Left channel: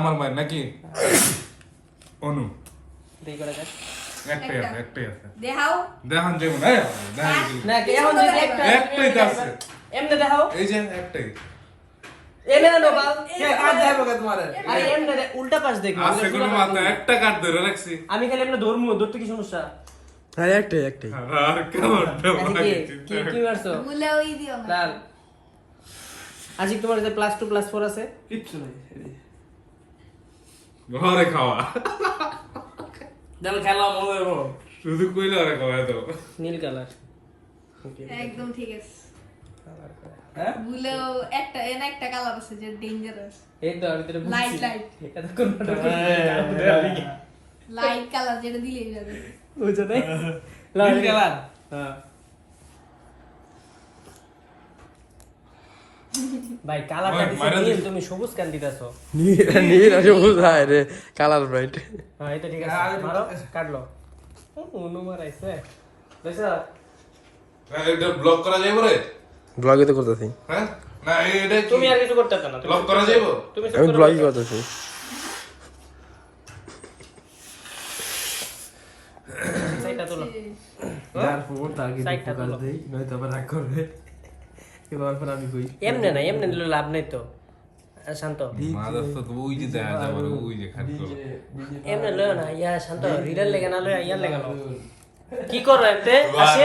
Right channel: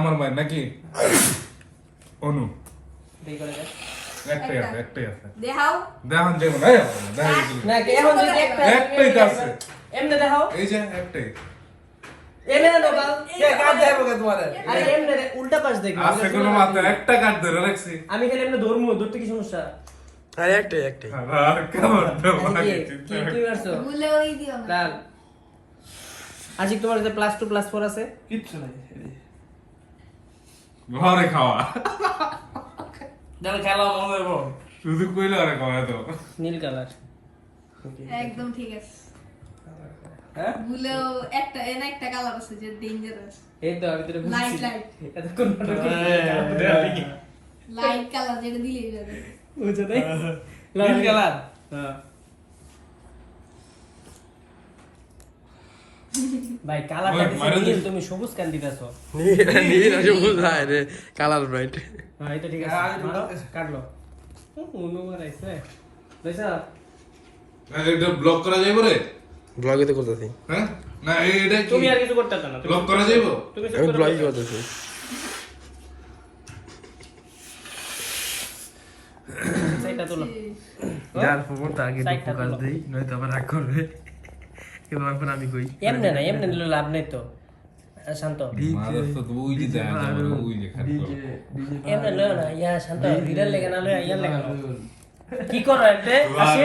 আমার ভাই নাকি অনু দেই করে দে একটাই আছে দেখাও দেখান দেব না দেখান না কে এখন দুই একটা একটাই তো আছে এমনে দেখাও এই যে একটাই এমনে দাও বাল কে কাট দেবো কে তোমার আরে এমনে উল্টা পাশ দেখো আছে কোনো মাথা একটা কাট ধরে রাখছি আমি খালি এমনে ধরতে কি সমস্যা হ্যাঁ একটাই আর কেমন দেব না কি কি মারছো ভুলে ওই দিও না কাল আজ তোমার যে +2 +4 আছে কিচ্ছু নাই ঘরে খাওয়া জানো খেলা মনে দেবো শুধু কইলে আরে খাওয়া তো নীল কালার একদম ঠিক আছে হ্যাঁ ভুলেও একটা কালার আছে যে ডেঞ্জারাস এই তো আমি তোরে লাইট বুঝছি লাইট এতক্ষণ লাইট কালার যেটা দিলেই যাবে বুঝছো নাই নীল কালার হ্যাঁ ভাই কালারটা দিছি তুমি সবুজ কেন দিতাছো নীল সবুজ হয় রে কালার ব্রাইট হ্যাঁ এটা ঠিক আছে মারো কাটলো উনো মারাইছে বুঝছো না এটা ব্লক করা যাবে রে ব্লগে তো করতেছি হ্যাঁ না এটা তুমি আর কিছু করতে না ব্লক করা যাবে তুমি আমি ব্লগই করতেছি সাইডটা তোলো যার ফোনটা আগে সাইডটা ফোকাস তোলো দেই নয়তো আবার রাগ করবে এবার পর আমি কই এমনে নিলে লাভ নেই তো শান্ত মাদার তো ওই যে দেখা যাবে ওই যে খাট করো এমনে লয় না ইয়া শান্ত রিডার লেগে না লয় ইয়ার লেগে কি করো এমতে আসি